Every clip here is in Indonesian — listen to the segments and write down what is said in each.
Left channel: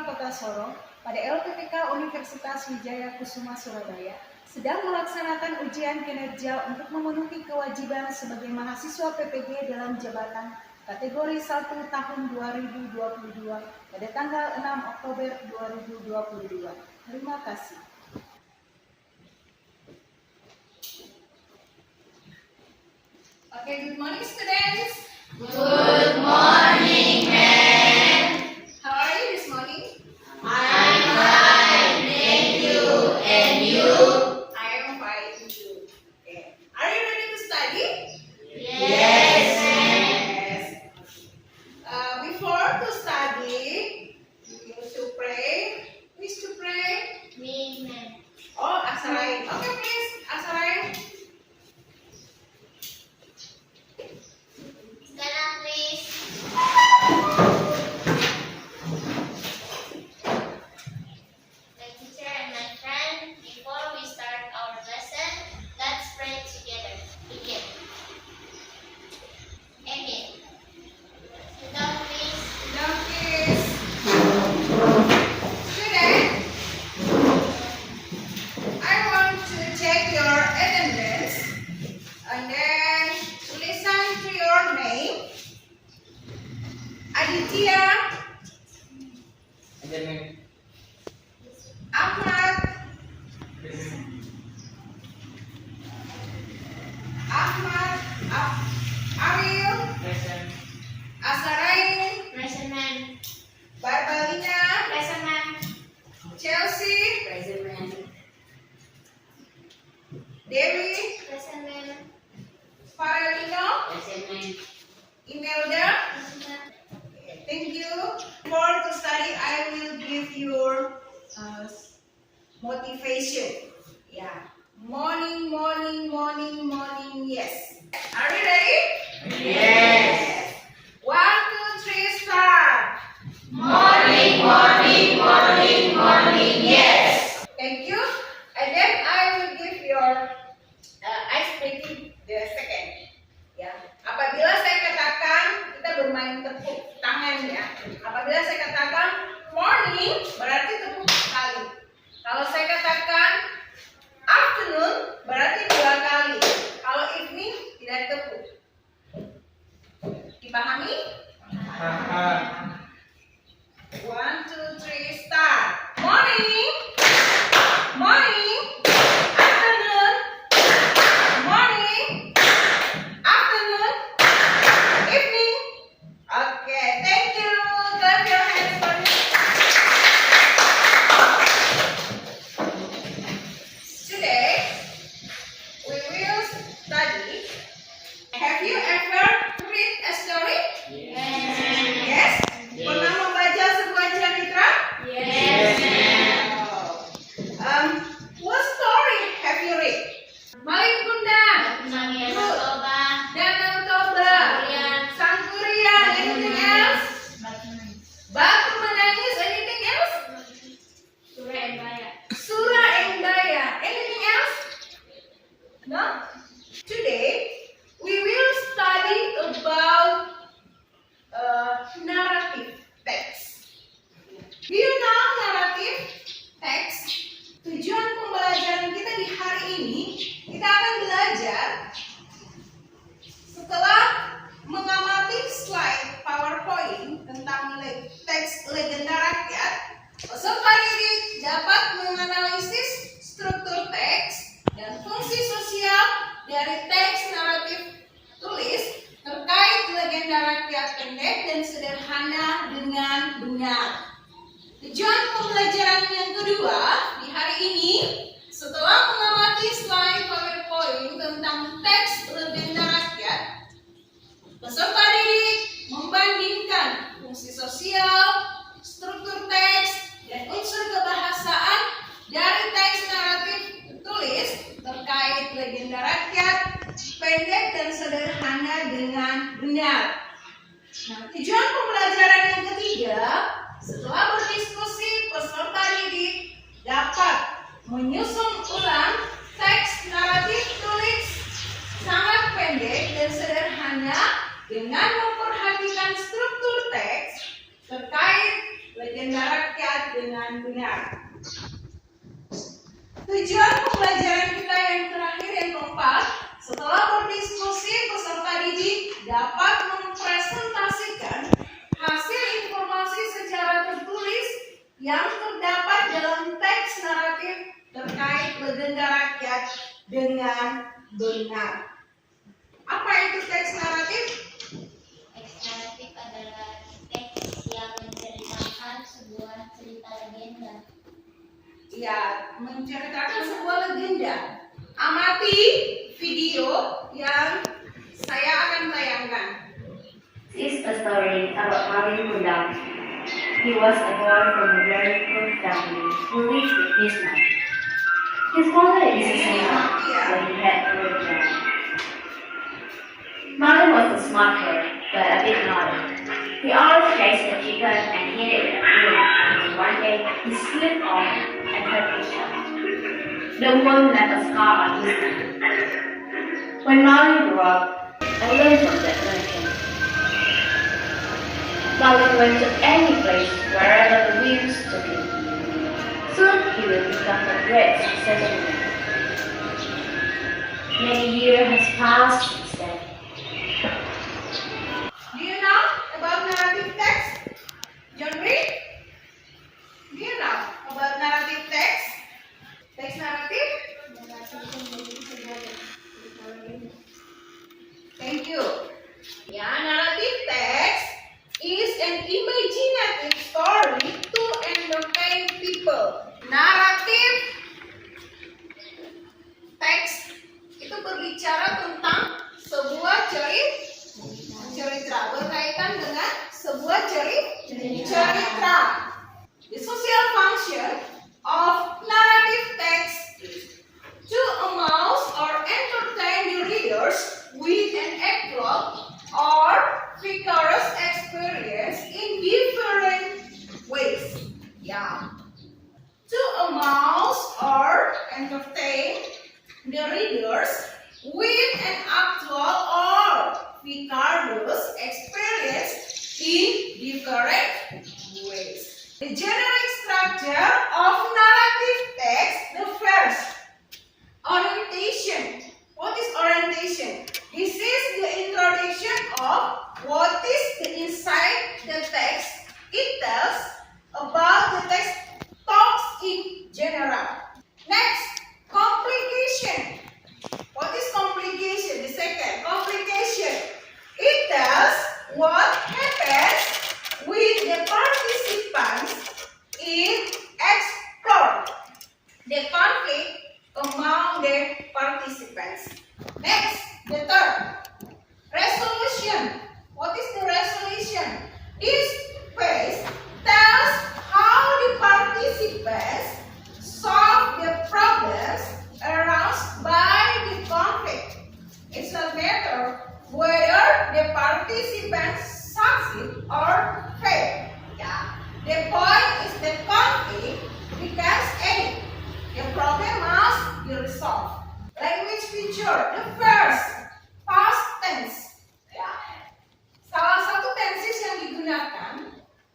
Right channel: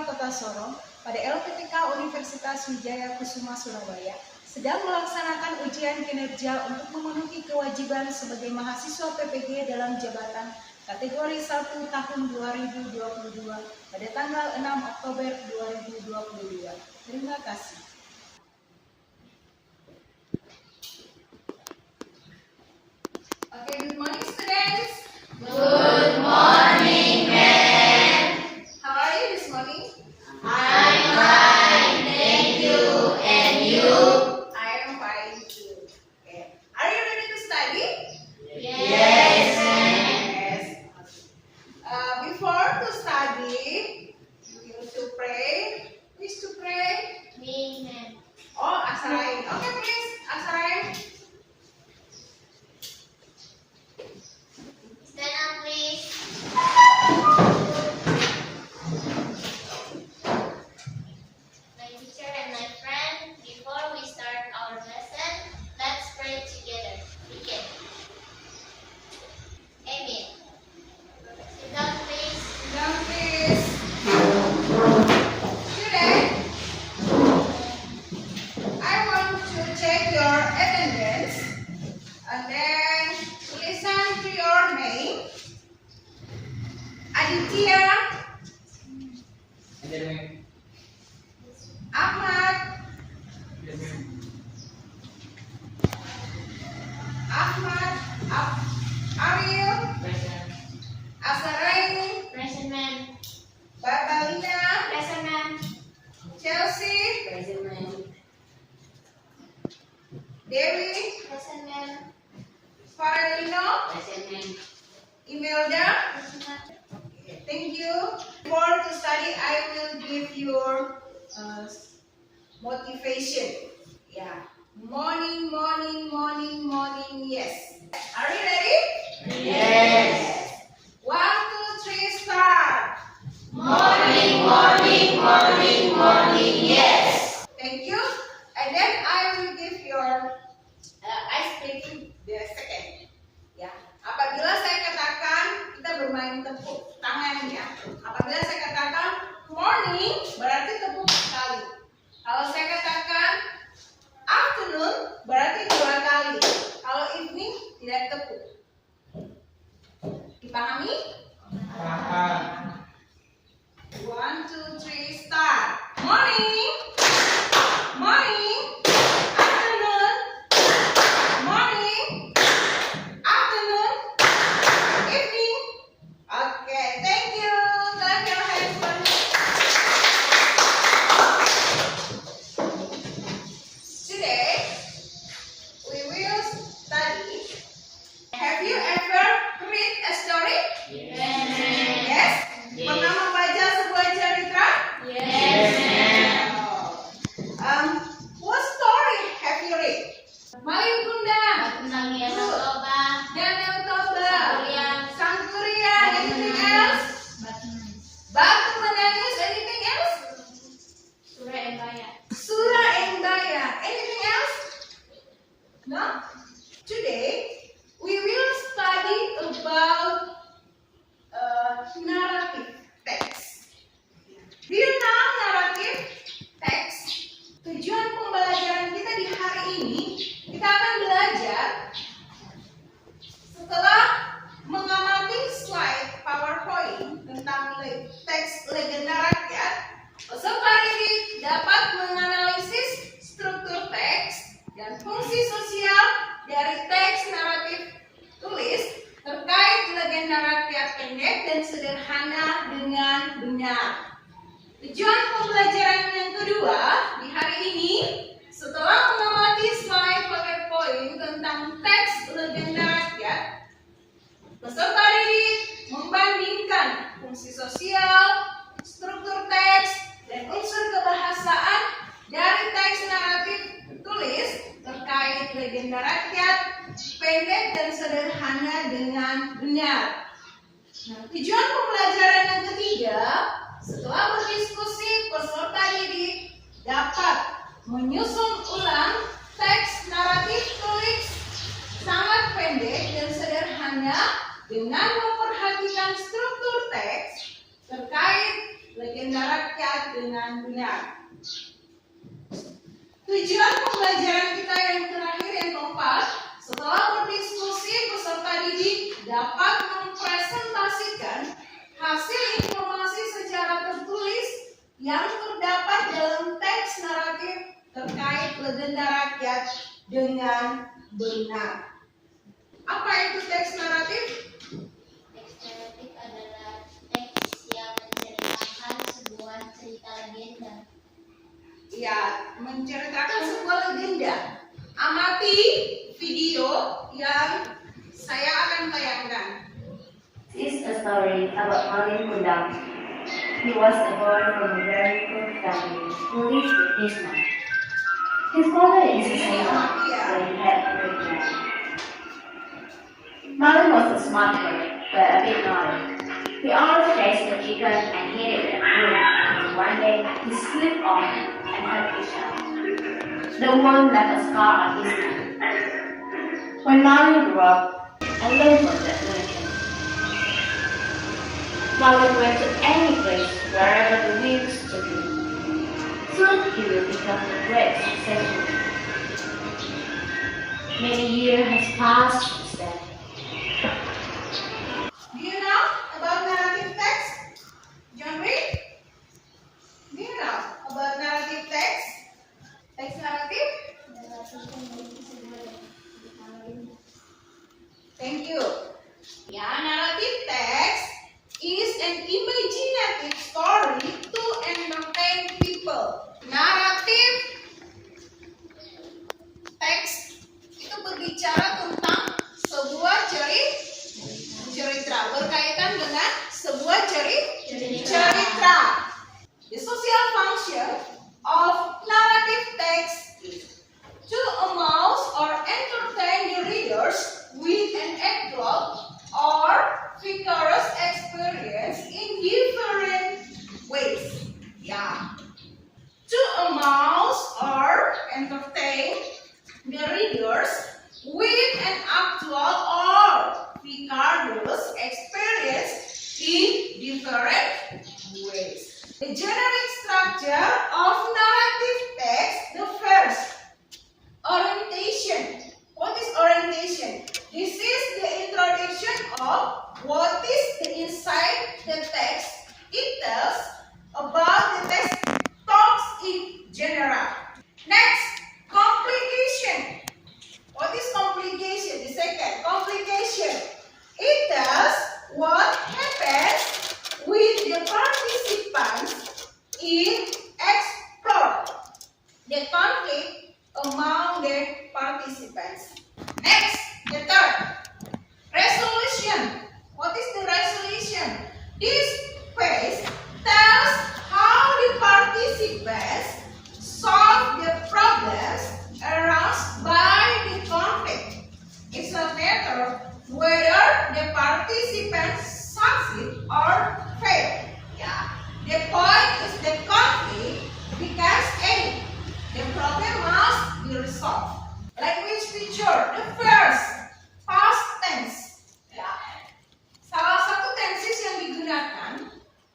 Putra Kota Sorong pada LPTK Universitas Wijaya Kusuma Surabaya sedang melaksanakan ujian kinerja untuk memenuhi kewajiban sebagai mahasiswa PPG dalam jabatan kategori 1 tahun 2022 pada tanggal 6 Oktober 2022. Terima kasih. Okay, good morning students. Good morning, ma'am. How are you this morning? I'm fine, thank you. And you? I am fine too. Okay. Are you ready to study? Yes, ma'am. Yes. Before to study, you need to pray. Who is to pray? Me, ma'am. Oh, Asarain. Okay, please, Asarain. Stand up, please. My teacher and my friend, before we start our lesson, let's pray together. Begin. Amen. Sit down, please. Down, please. Student, I want to check your attendance and then to listen to your name. Aditya, Ahmad, Ariel, Asarain, Present, ma'am. Barbalina, Present, ma'am. Chelsea, Present, ma'am. Dewi, Present, ma'am. Faralino, Present, ma'am. Imelda. Present, ma'am. Okay, thank you. Before to study, I will give your motivation. Yeah. Morning, morning, morning, morning. Yes. Are you ready? Yes. 1, 2, 3, start. Morning, morning, morning, morning, yes. Thank you. And then I will give your ice breaking the second. Ya. Apabila saya katakan kita bermain tepuk tangan ya. Apabila saya katakan morning berarti tepuk sekali. Kalau saya katakan afternoon berarti 2 kali. Kalau evening tidak tepuk. Dipahami? 1, 2, 3, start. Morning. Morning. Afternoon. Morning. Afternoon. Evening. Okay, thank you. Clap your hands for me. Today, we will study. Have you ever read a story? Yes? Pernah membaca sebuah cerita? Yes, ma'am. What story have you read? Malin Kundang, Tentang yang coba. Danau Toba, Sangkuriang. Sangkuriang, anything else? Batu menangis, anything else? Surah Embaya. Surah Endaya, anything else? No? Today, we will study about narrative text. Do you know narrative text? Tujuan pembelajaran kita di hari ini, kita akan belajar setelah mengamati slide PowerPoint tentang teks legenda rakyat, peserta didik dapat menganalisis struktur teks dan fungsi sosial dari teks naratif tulis terkait legenda rakyat pendek dan sederhana dengan benar. Tujuan pembelajaran yang kedua di hari ini, setelah mengamati slide PowerPoint tentang teks legenda rakyat, peserta didik membandingkan fungsi sosial, struktur teks, dan unsur kebahasaan dari teks naratif tulis terkait legenda rakyat pendek dan sederhana dengan benar. Nah, tujuan pembelajaran yang ketiga, setelah berdiskusi, peserta didik dapat menyusun ulang teks naratif tulis sangat pendek dan sederhana dengan memperhatikan struktur teks terkait legenda rakyat Tujuan pembelajaran kita yang terakhir yang keempat, setelah berdiskusi, peserta didik dapat mempresentasikan hasil informasi secara tertulis yang terdapat dalam teks naratif terkait legenda rakyat dengan benar. Apa itu teks naratif? Teks naratif adalah teks yang menceritakan sebuah cerita legenda. Ya, menceritakan sebuah legenda. Amati video yang saya akan tayangkan. This is a story about Mario Kundang. He was born from a very poor family who lived with his mom. His father is a sailor, so he had a great job. Mario was a smart boy, but a bit naughty. He always chased the chicken and hit it with a broom until one day he slipped off and hurt himself. The wound left a scar on his neck. When Mario grew up, I learned from that lesson. Mario went to any place wherever the winds took him. Soon he will become a great successful man. Many years has passed since then. Do you know about narrative text? John Reed? Do you know about narrative text? Teks naratif? Thank you. Ya, narrative text is an imaginative story to entertain people. Naratif teks itu berbicara tentang sebuah cerita berkaitan dengan sebuah cerita. The social function of narrative text is to arouse or entertain the readers with an actual or vigorous experience in different ways. Yeah. To arouse or entertain the readers with an actual or vigorous experience in different ways. The generic structure of narrative text, the first, orientation. What is orientation? This is the introduction of what is the inside the text. It tells about the text talks in general. Next, complication. What is complication? The second, complication. It tells what happens with the participants in explore the conflict among the participants. Next, the third, resolution. What is the resolution? This phase tells how the participants solve the problems aroused by the conflict. It's a matter whether the participants succeed or fail. Yeah. The point is the conflict becomes any. The problem must be resolved. Language feature. The first, past tense. Ya. Salah satu tenses yang digunakan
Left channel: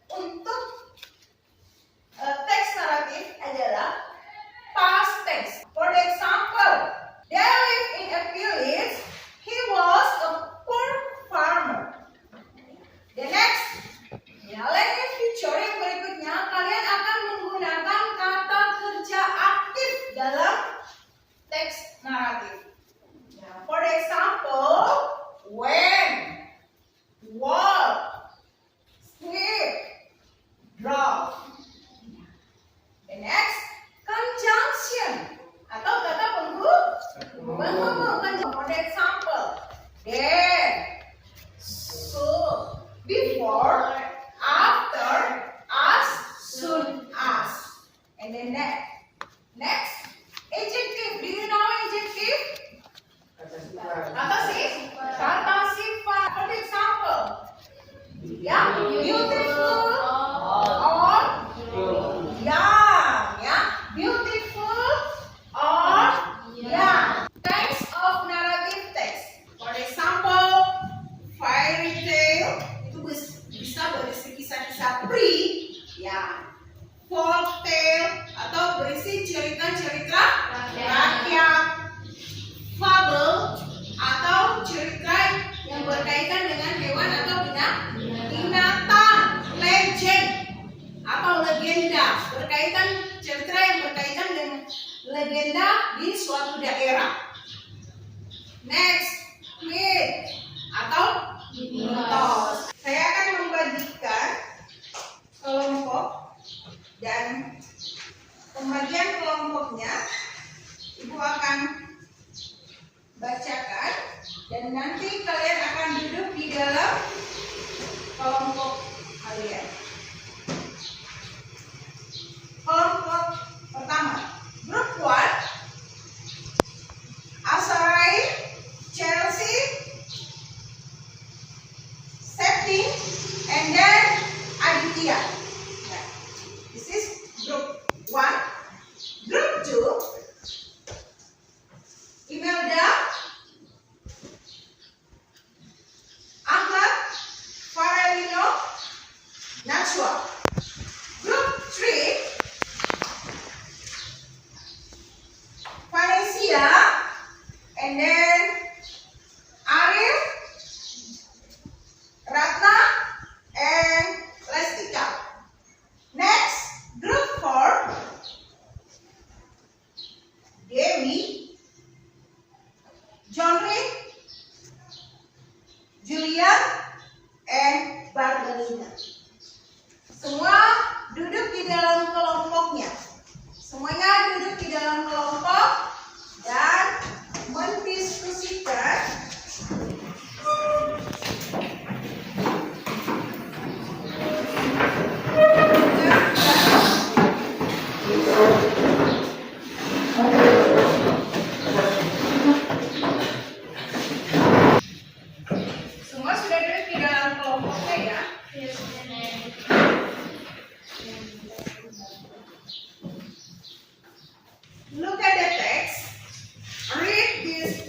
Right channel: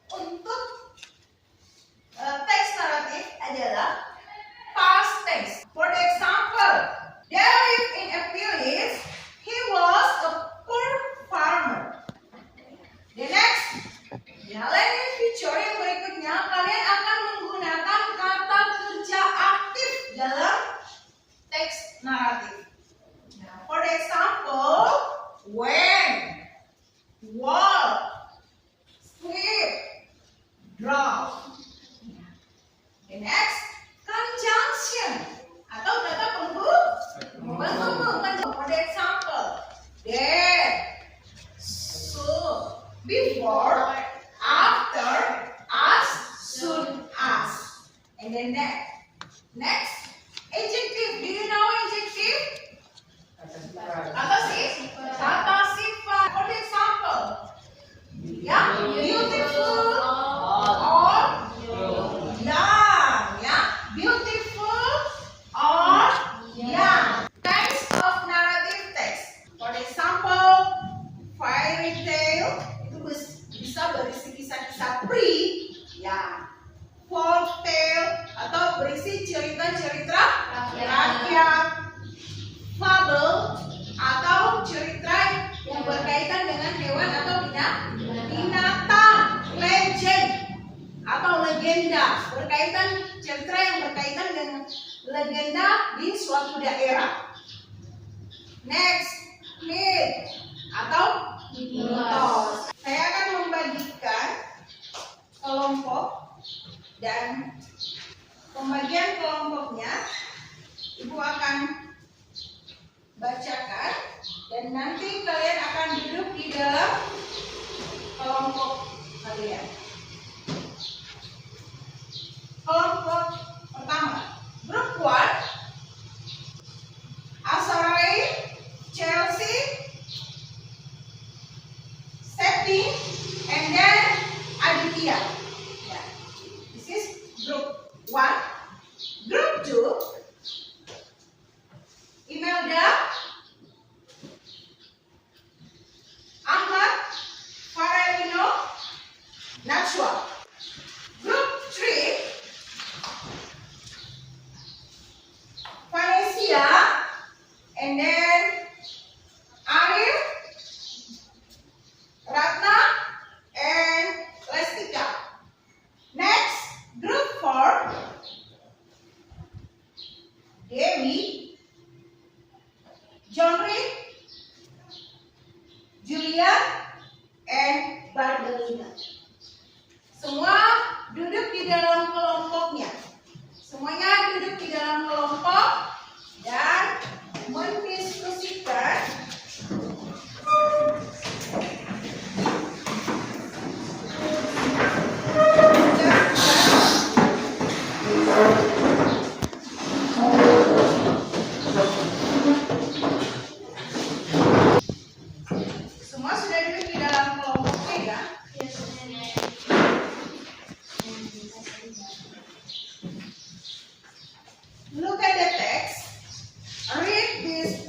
untuk teks naratif adalah past tense. For example, there lived in a village. He was a poor farmer. The next, language feature yang berikutnya, kalian akan menggunakan kata kerja aktif dalam teks naratif. For legenda di suatu daerah. Next, myth atau mitos. Saya akan membagikan kelompok dan pembagian kelompoknya Ibu akan bacakan dan nanti kalian akan duduk di dalam kelompok kalian. Kelompok pertama, grup 1, Asarai, Chelsea, Septi, and then Aditya. Yeah. This is group 1. Group 2, Imelda, Ahmad, Farelino, Najwa. Group 3, Vanessa, and then Arif, Ratna, and Lestika. Next, group 4, Dewi, John Rick, Julia, and Barbelina. Semua duduk di dalam kelompoknya. Semuanya duduk di dalam kelompok dan mendiskusikan semua sudah duduk di dalam kelompoknya ya. Look at the text. Read this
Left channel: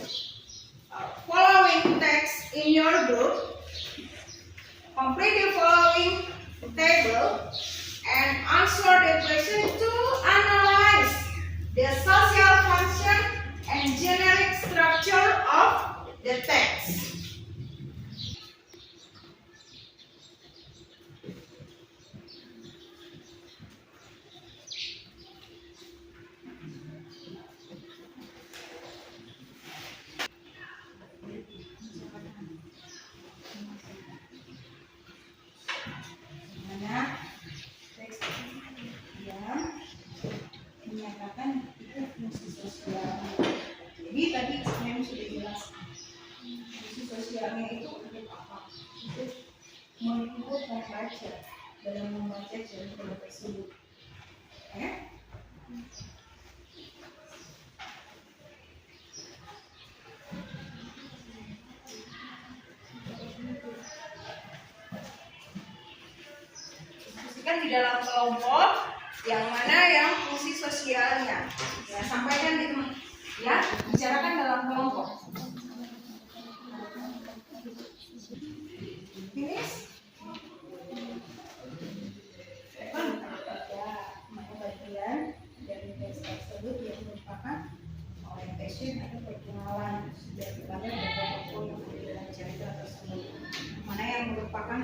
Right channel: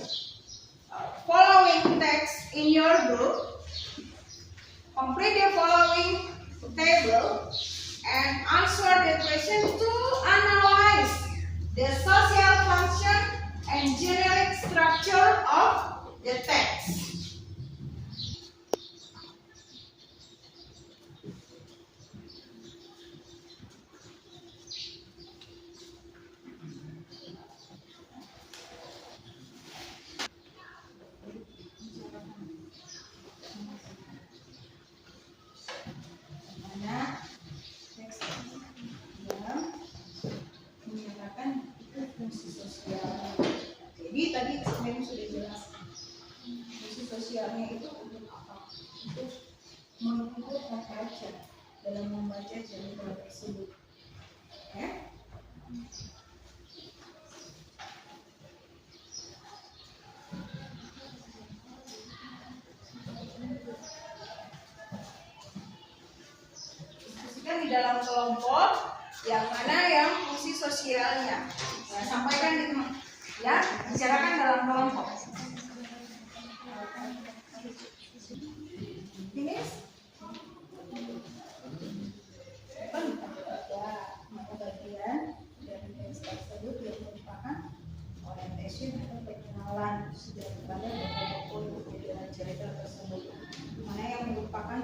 following text in your group. Complete the following table and answer the question to analyze the social function and generic structure of the text. Mana teks yang menyatakan itu fungsi sosialnya. Jadi tadi sebenarnya sudah jelas fungsi sosialnya itu untuk apa? Untuk mengikut membaca dalam membaca cerita tersebut. Diskusikan di dalam kelompok yang mana yang fungsi sosialnya. Ya, sampaikan di ya, bicarakan dalam kelompok. Finish? Ada bagian dari teks tersebut yang merupakan orientation atau perkenalan setiap kalian dan tokoh di dalam cerita tersebut. Mana yang merupakan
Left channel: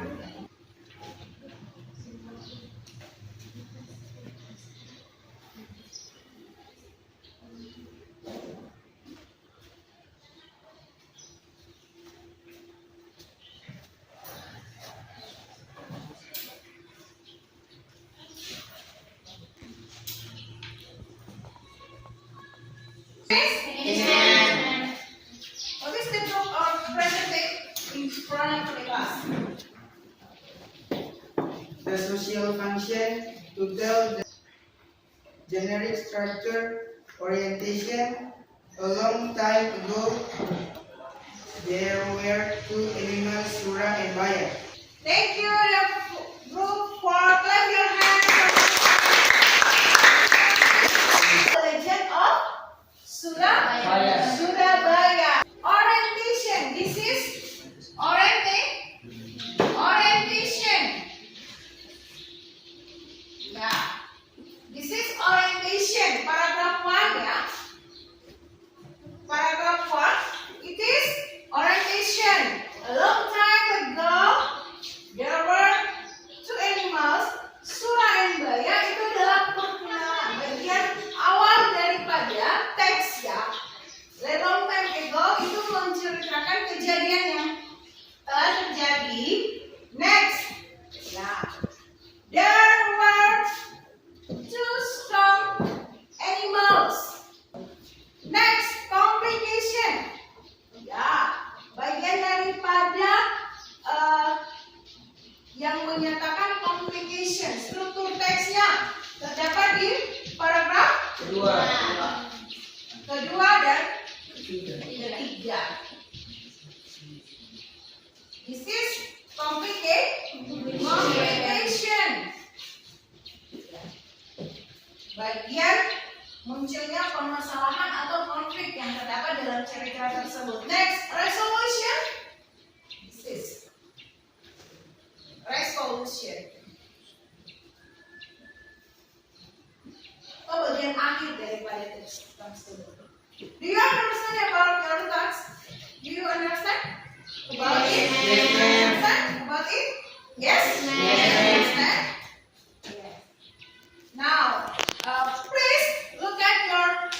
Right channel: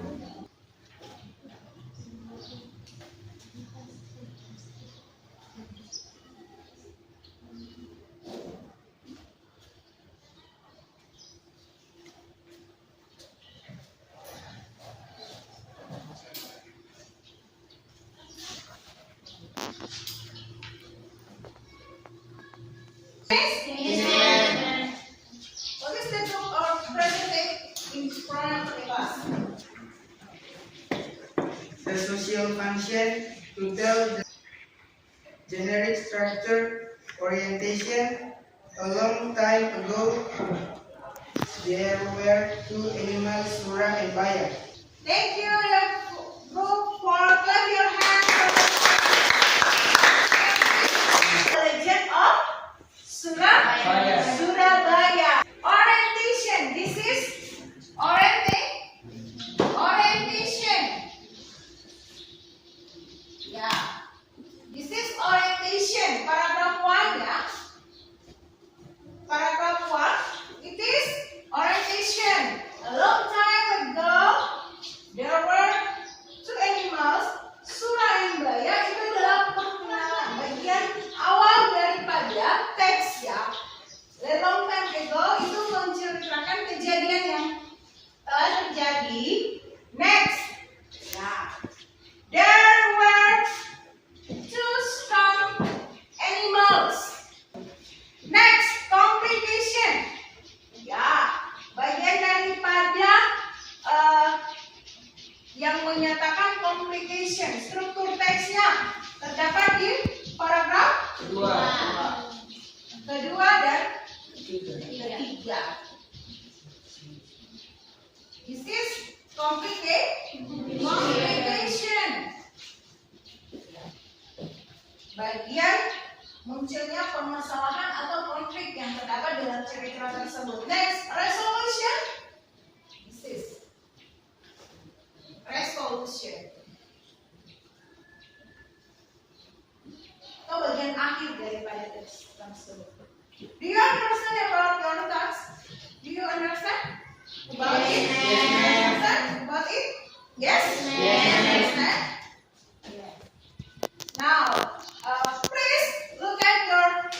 what is the group of presented in front of the class? The social function to tell the generic structure orientation. A long time ago, there were two animals, Surang and Baya. Thank you, the group, for clap your hands. The legend of Surabaya. Orientation. This is orientation. Yeah. This is orientation. Paragraph 1 ya. Paragraph 1. It is orientation. A long time ago, there were two animals, Surang and Baya. Itu adalah perkenalan, bagian awal daripada Ketiga. This is complication. Bagian munculnya permasalahan atau konflik yang terdapat dalam cerita tersebut. Next, resolution. This is resolution. Atau bagian akhir daripada teks tersebut. Do you understand about your text? Do you understand about it? Understand about it? Yes. Understand? Yes. Now, please look at your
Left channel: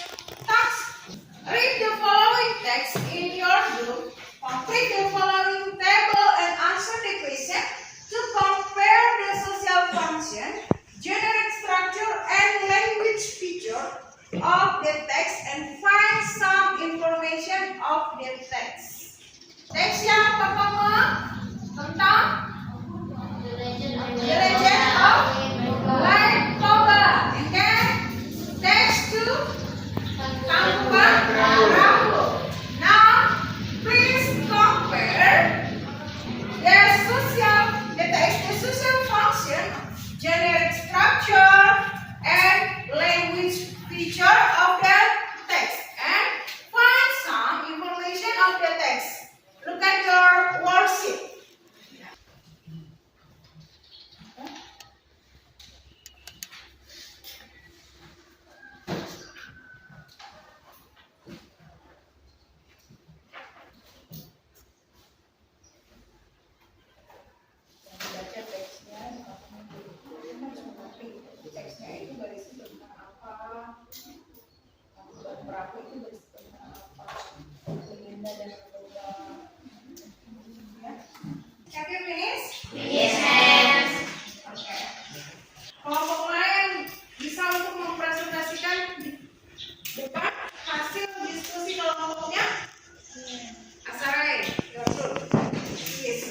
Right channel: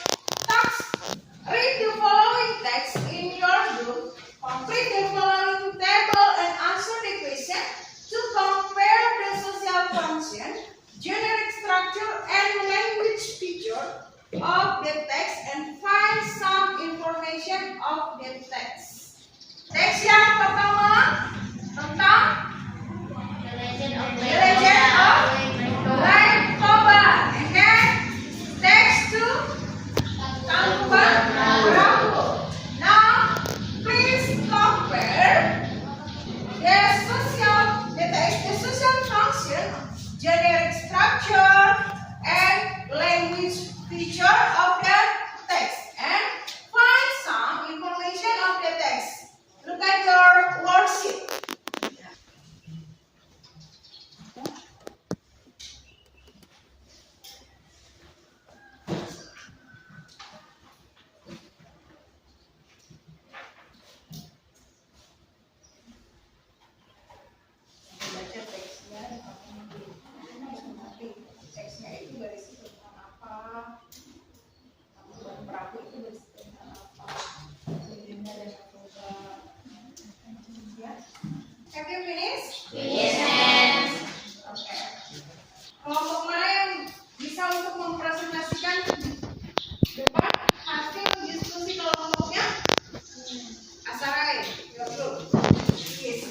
text. Read the following text in your book. Complete the following table and answer the question to compare the social function, generic structure, and language feature of the text and find some information of the text. Teks yang pertama tentang The Legend of The Legend of Lake Toba. And then text 2 Tangkuban Perahu. Now please compare the social function, generic structure, and language feature of the text and find some information of the text. Look at your worksheet. Baca teksnya, teksnya itu berisi tentang apa, Tangkuban Perahu itu berisi tentang apa, legenda dan narkoba. Ya. Have you finished? Yes. Oke. Kelompok lain bisa untuk mempresentasikan depan hasil diskusi kelompoknya. Asarai, your group. Yes.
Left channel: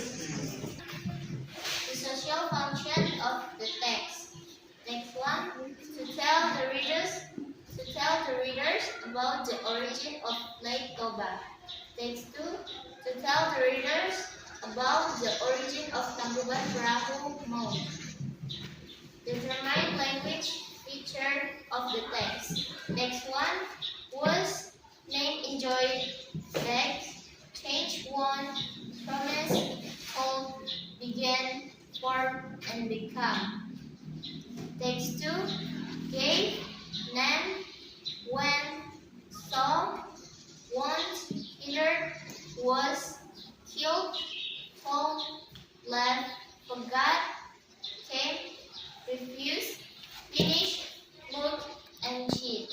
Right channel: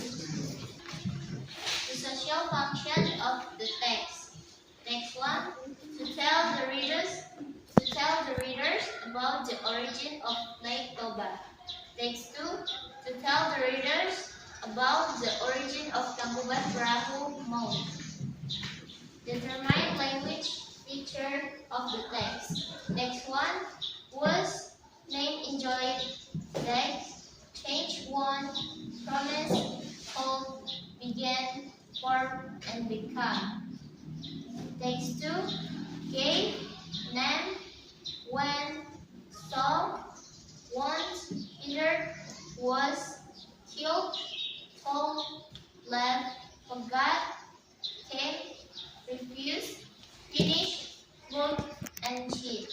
The social function of the text. Next one, to tell the readers about the origin of Lake Toba. Text 2, to tell the readers about the origin of Tangkuban Perahu Mound. Determine language feature of the text. Next one was name, enjoy, beg, change, want, promise, hold, begin, form, and become. Text 2, gave, name, when, saw, want, hindered, was, killed, told, left, forgot, came, refused, finished, looked, and cheat.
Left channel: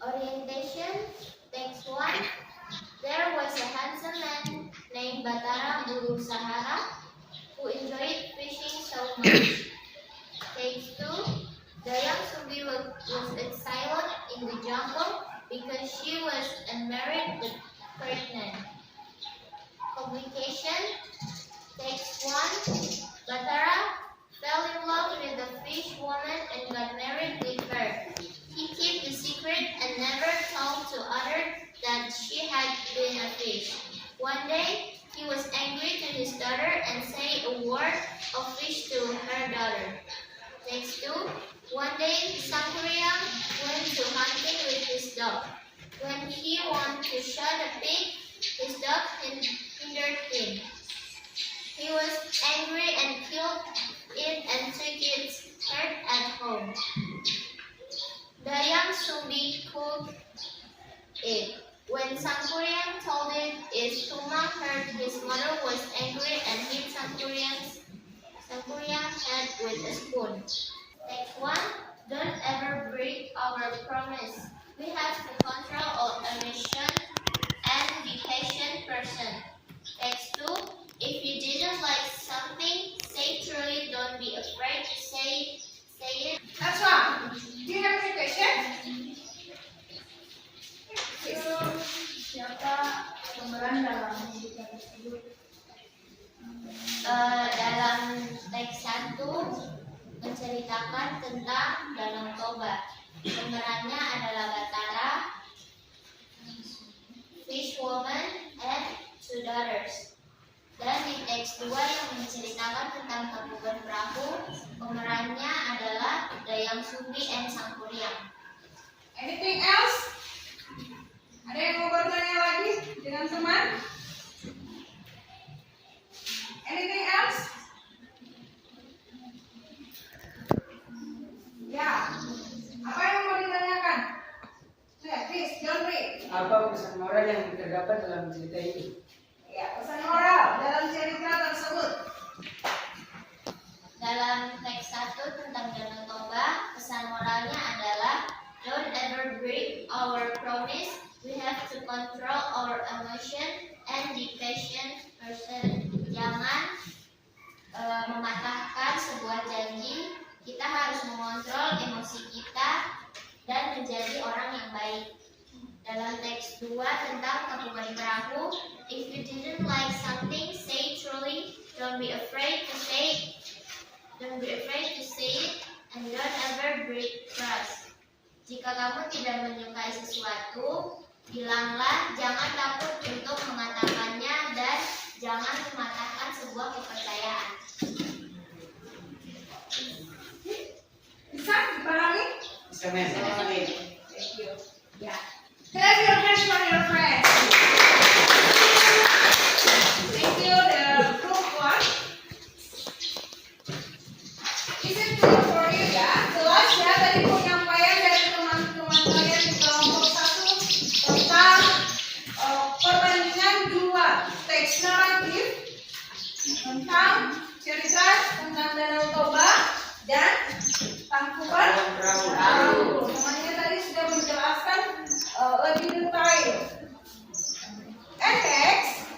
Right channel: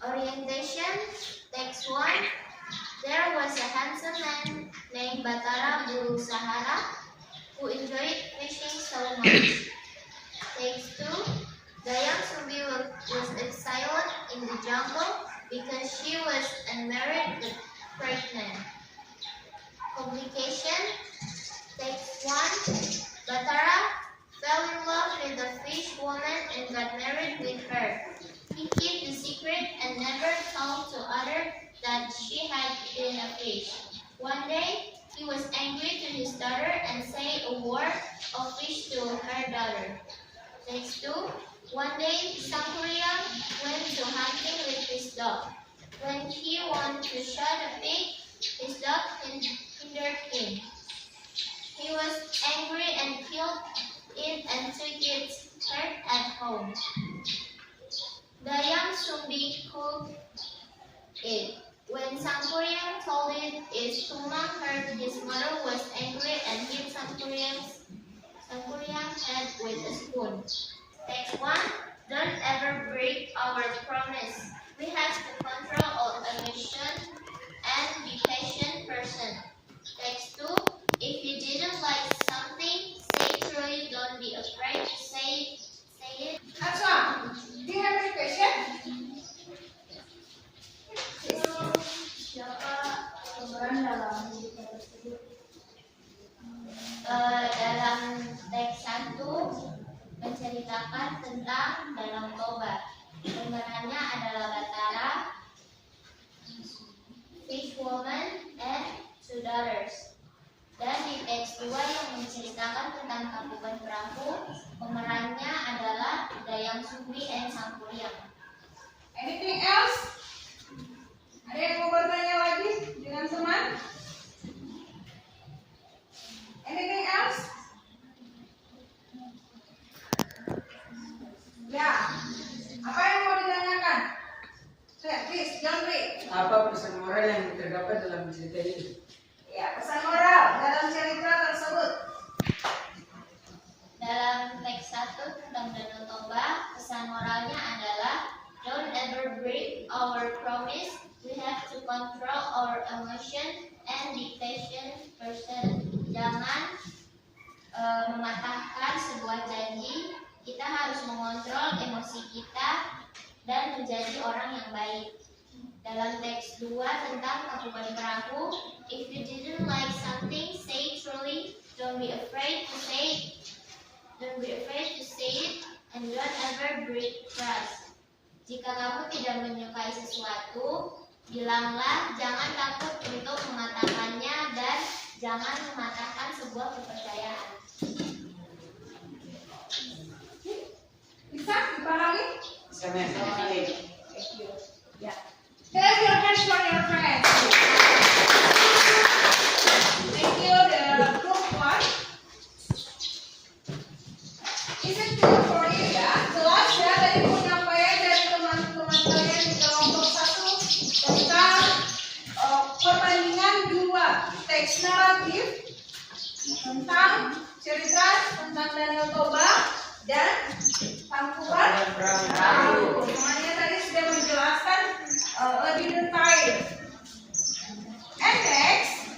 Orientation. Text 1. There was a handsome man named Batara Buru Sahara who enjoyed fishing so much. Text 2. Dayang Sumbi was exiled in the jungle because she was unmarried but pregnant. Complication. Text 1. Batara fell in love with a fish woman and got married with her. He kept the secret and never told to others that she had been a fish. One day, he was angry to his daughter and said a word of fish to her daughter. Text 2. One day, Sangkuriang went to hunting with his dog. When he wanted to shoot a pig, his dog hindered him. He was angry and killed it and took its head at home. Dayang Sumbi cooked it. When Sangkuriang told it, its Tumang heard his mother was angry and hit Sangkuriang's head with a spoon. Text 1. Don't ever break our promise. We have to control our emotion and be patient person. Text 2. If you didn't like something, say truly. Don't be afraid to say it. That's one. Do you have any question? Yes. Siapa pemeran dalam cerita tersebut? Dalam teks 1 menceritakan tentang Danang Toba. Pemerannya adalah Batara daughters. Dan di teks 2 yang menceritakan tentang tabungan perahu, pemerannya adalah Dayang Sumbi and Sang Kuryang. Anything else? Ada yang mau bertanya lagi dengan teman? Anything else? Ya. Apa yang mau ditanyakan? Please, John Ray. Apa pesan moral yang terdapat dalam cerita ini? Ya, pesan moral dalam cerita tersebut. Dalam teks 1 tentang Danau Toba, pesan moralnya adalah don't ever break our promise. We have to control our emotion and be patient person. Jangan mematahkan sebuah janji. Kita harus mengontrol emosi kita dan menjadi orang yang baik. Dalam teks 2 tentang tabungan perahu, if you didn't like something, say it truly. Don't be afraid to say it. Don't be afraid to say it, and don't ever break trust. Jika kamu tidak menyukai sesuatu, bilanglah, jangan takut untuk mengatakannya, dan jangan mematahkan sebuah kepercayaan. Bisa dipahami? Bisa, Ma'am. Thank you. Ya. Clap your hands for your friends. Thank you, the group 1. Is it clear for you ya? Jelas ya tadi penyampaian dari teman-teman kalian di kelompok 1 tentang perbandingan 2 teks naratif tentang cerita tentang Danau Toba dan Tangkuban Perahu. Temannya tadi sudah menjelaskan lebih detail. And next,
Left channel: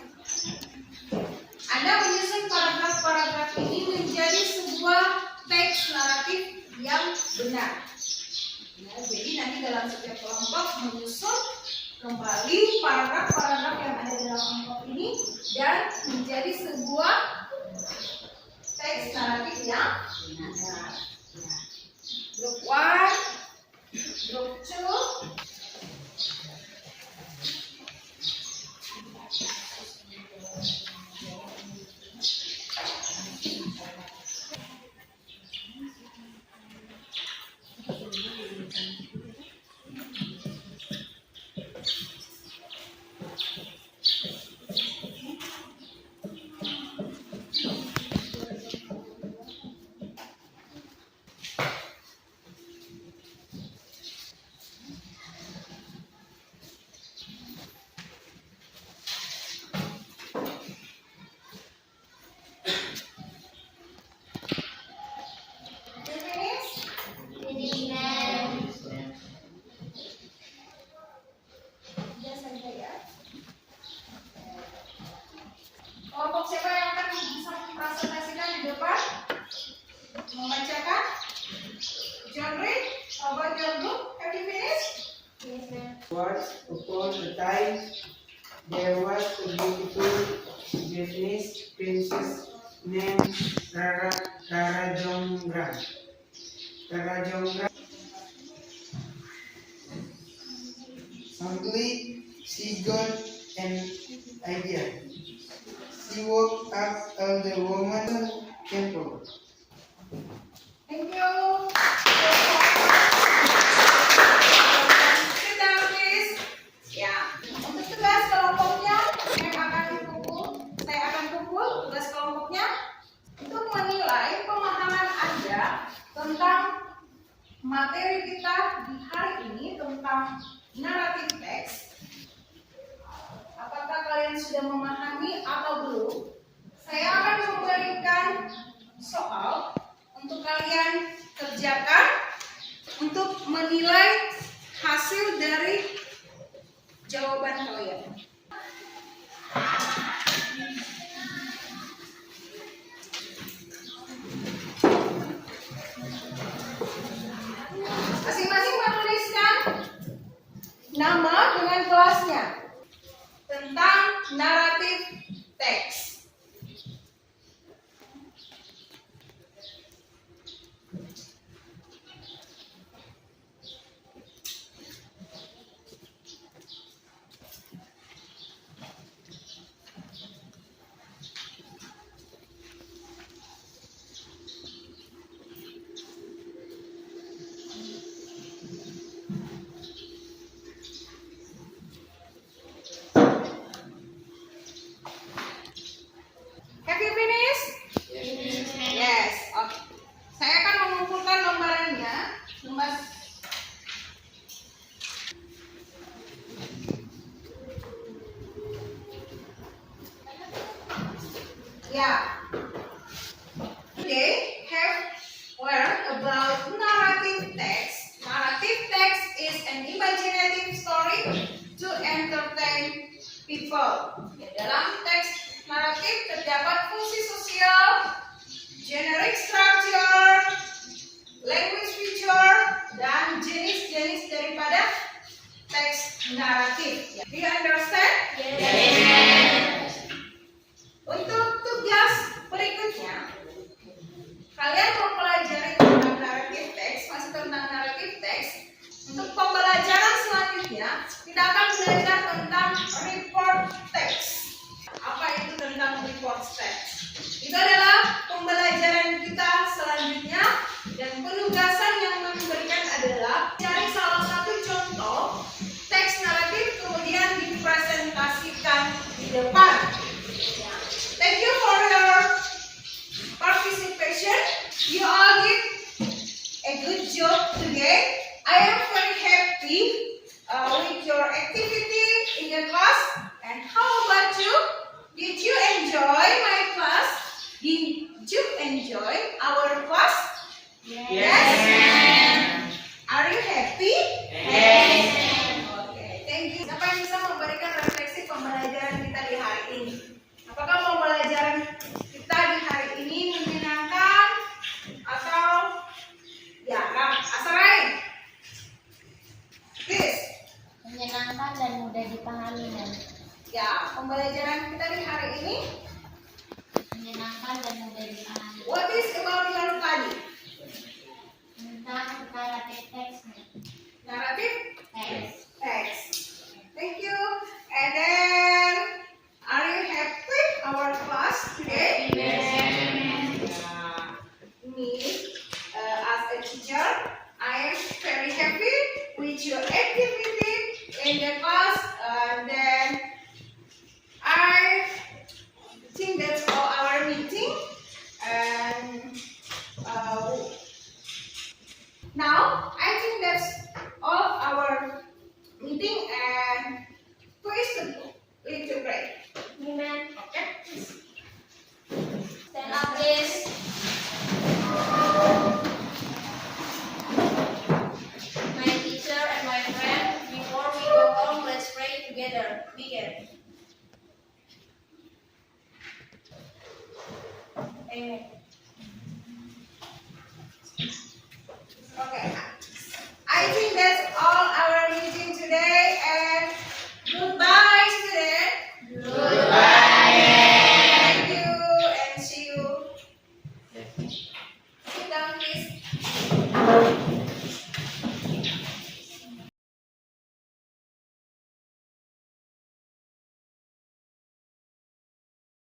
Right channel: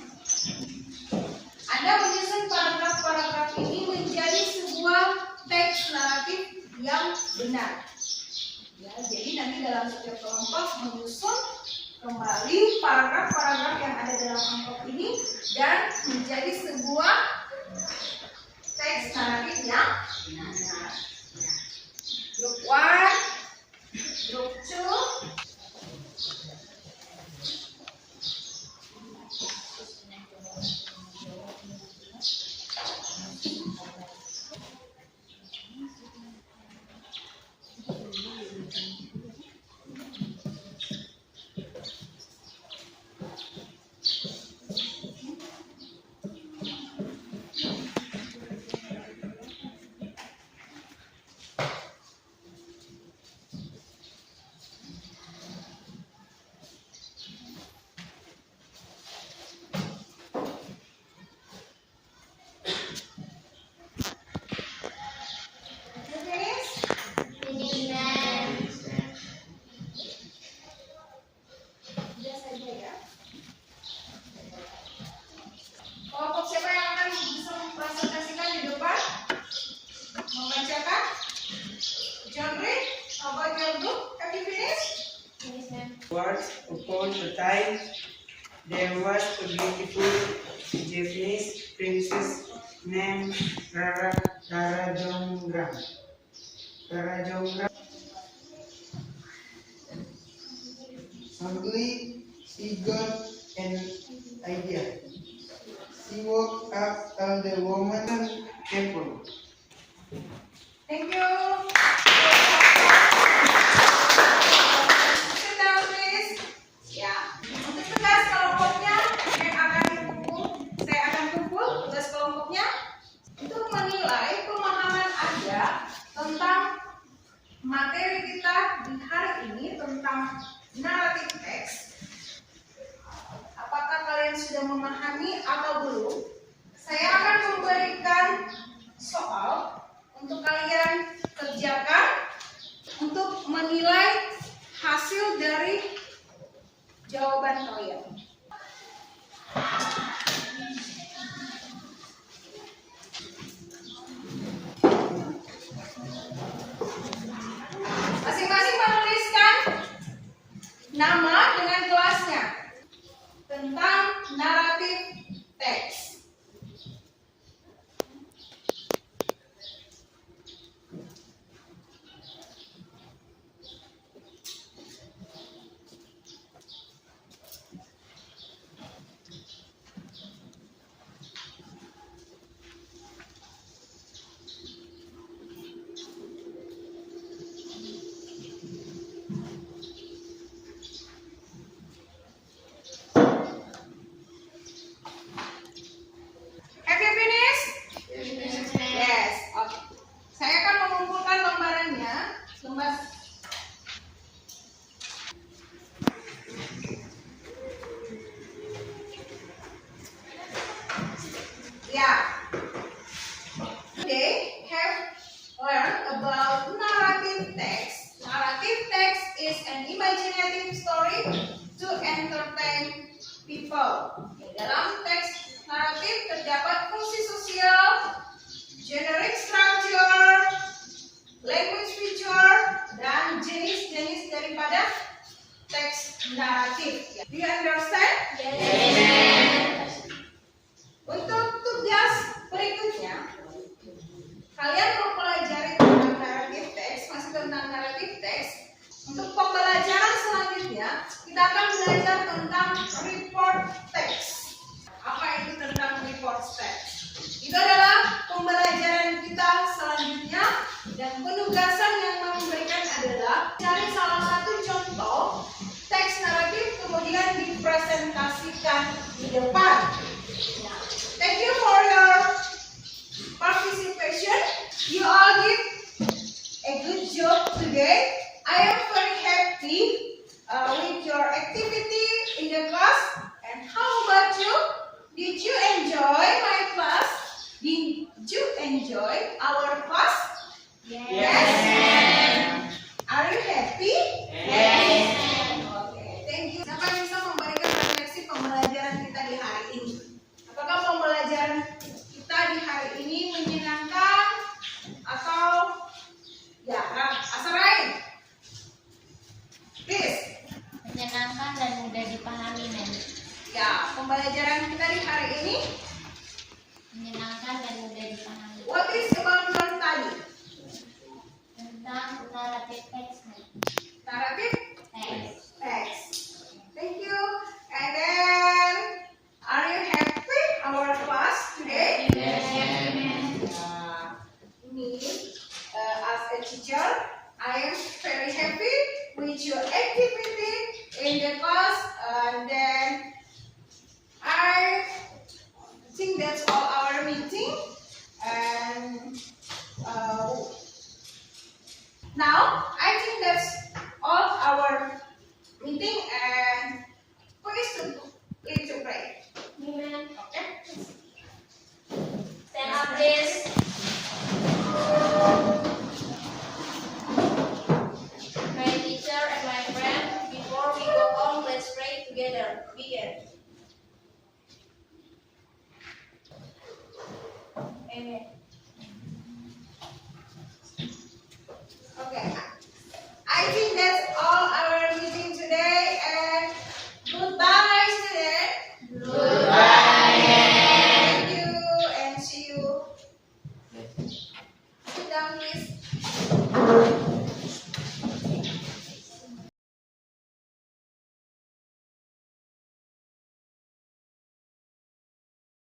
Anda menyusun paragraf-paragraf ini menjadi sebuah teks naratif yang benar. Ya, jadi nanti dalam setiap kelompok menyusun kembali paragraf-paragraf yang ada dalam amplop ini dan menjadi sebuah teks naratif yang benar. Group 1, Group 2. Kelompok siapa yang akan bisa mempresentasikan di depan? Membacakan? John Reed, how about your group? Have you finished? Yes, ma'am. Once upon a time, there was a beautiful Japanese princess named Karajongrang. Suddenly, she got an idea. She woke up on the woman's temple. Thank you. Sit down, please. Ya, untuk tugas kelompoknya yang akan dipukul, saya akan pukul tugas kelompoknya untuk menilai pemahaman Anda tentang materi kita di hari ini tentang naratif teks. Apakah kalian sudah memahami atau belum? Saya akan memberikan soal untuk kalian kerjakan untuk menilai hasil dari jawaban kalian. Masing-masing menuliskan nama dengan kelasnya tentang naratif teks. people. Ya, dalam teks naratif terdapat fungsi sosial, generic structure, language feature, dan jenis-jenis daripada teks naratif. Do you understand? Untuk tugas berikutnya, kalian mempelajari tentang naratif teks, masih tentang naratif teks. Untuk pembelajaran selanjutnya, kita akan belajar tentang report text. Apa itu tentang report text? Itu adalah pembelajaran kita selanjutnya, dan penugasan yang memberikan adalah cari salah satu contoh teks naratif kemudian dipresentasikan di depan. Thank you for your participation. You all did a good job today. I am very happy with your activity in the class. And how about you? Did you enjoy my class? Did you enjoy our class? Yes. Are you happy? Okay, thank you. Siapa yang bisa memberikan refleksi pembelajaran kita di hari ini? Apakah pembelajaran kita di hari ini menyenangkan atau jarang? Asarai, please. Menyenangkan dan mudah dipahami, Nen. Ya, pembelajaran kita di hari ini, Menyenangkan dan mudah dipahami. what is about your study? Tentang naratif teks, Nen. Naratif Teks. text. Thank you. And then, are you happy our class today? Me, as a teacher, I am very happy with your activity in the class. And then, I think that's all our meeting. And now, I think that's all our meeting. And please to lead to pray. Amen. Okay? Stand up, please. My teacher and my friend, before we go home, let's pray together. Begin. Amen.